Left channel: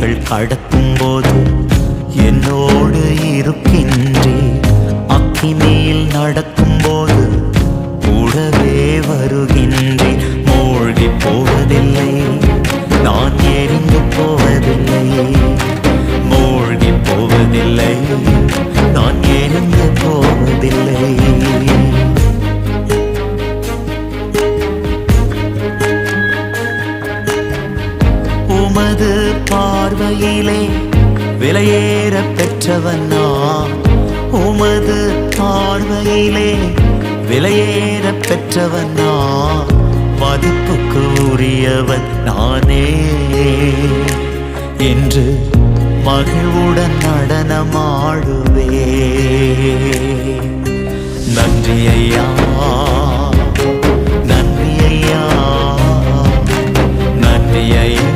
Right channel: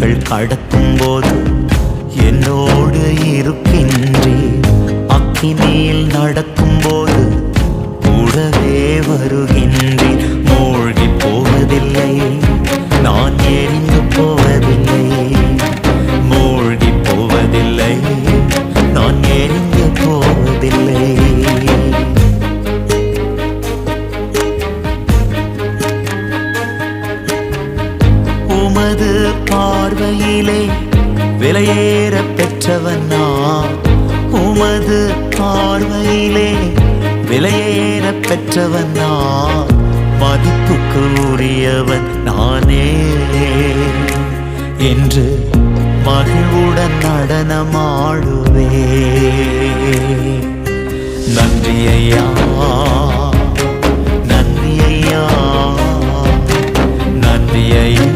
கடக்கும் போது என்னோடு இருக்கின்றீர். அக்கினியில் நடக்கும் போது கூடவே வருகின்றீர். மூழ்கி போவதில்லை, நான் எரிந்து போவதில்லை. மூழ்கி போவதில்லை, நான் எரிந்து போவதில்லை. உமது பார்வையிலே விலையேற பெற்றவன் நான். உமது பார்வையிலே விலையேற பெற்றவன் நான். மதிப்புக்கு உரியவன் நானே என்று மகிழ்வுடன் நடனமாடுவே. நன்றி ஐயா, நன்றி ஐயா, நன்றி ஐயா.